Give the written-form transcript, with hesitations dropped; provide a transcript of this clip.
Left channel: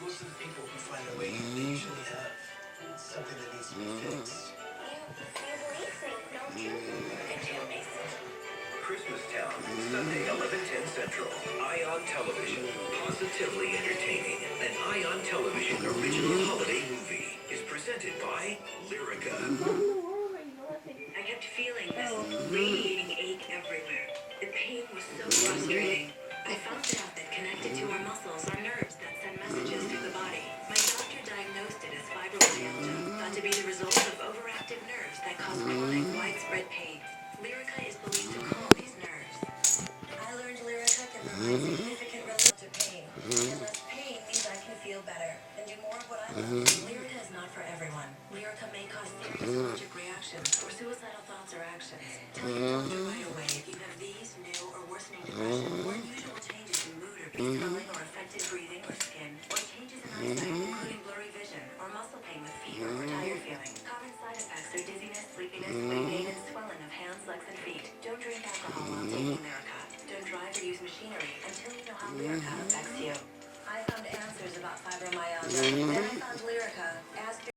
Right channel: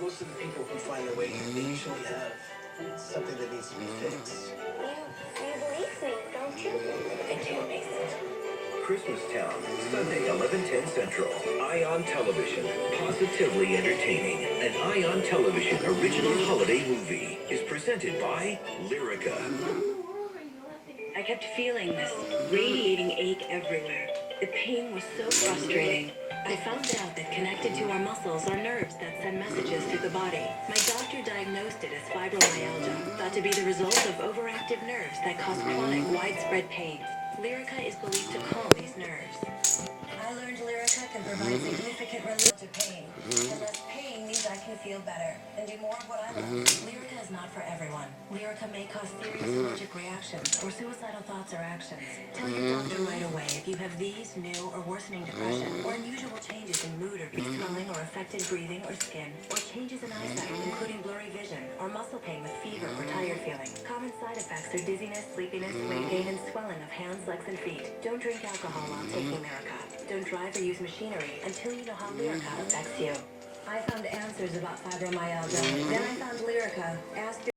Most of the people who find their way usually have something that needs to be fixed. You believe me, don't you? Into your business. Christmas Town, Sunday, 11:10 Central. Ion Television, positively entertaining. An Ion Television original holiday movie is presented by Lyrica. I kept feeling this radiating ache everywhere. The pain was so frustrating. I found out that connected to our muscles are nerves that send messages to the body. My doctor diagnosed it as fibromyalgia, thought to be the result of overactive nerves that cause chronic, widespread pain. Lyrica is believed to calm these nerves. I learned Lyrica can provide significant relief to pain. The less pain means I can feel better and do more of what I love. Lyrica is not for everyone. Lyrica may cause serious allergic reactions or suicidal thoughts or actions. Tell your doctor right away if you have these, new or worsening depression, or unusual changes in mood or swelling or affected breathing or skin, or changes in eyesight, including blurry vision, or muscle pain with fever or tired feeling. Common side effects are dizziness, sleepiness, weight gain, and swelling of hands, legs, and feet. Don't drink alcohol while taking Lyrica. Don't drive or use machinery until you know how Lyrica affects you. I found answers about fibromyalgia. Then I found Lyrica. Ask your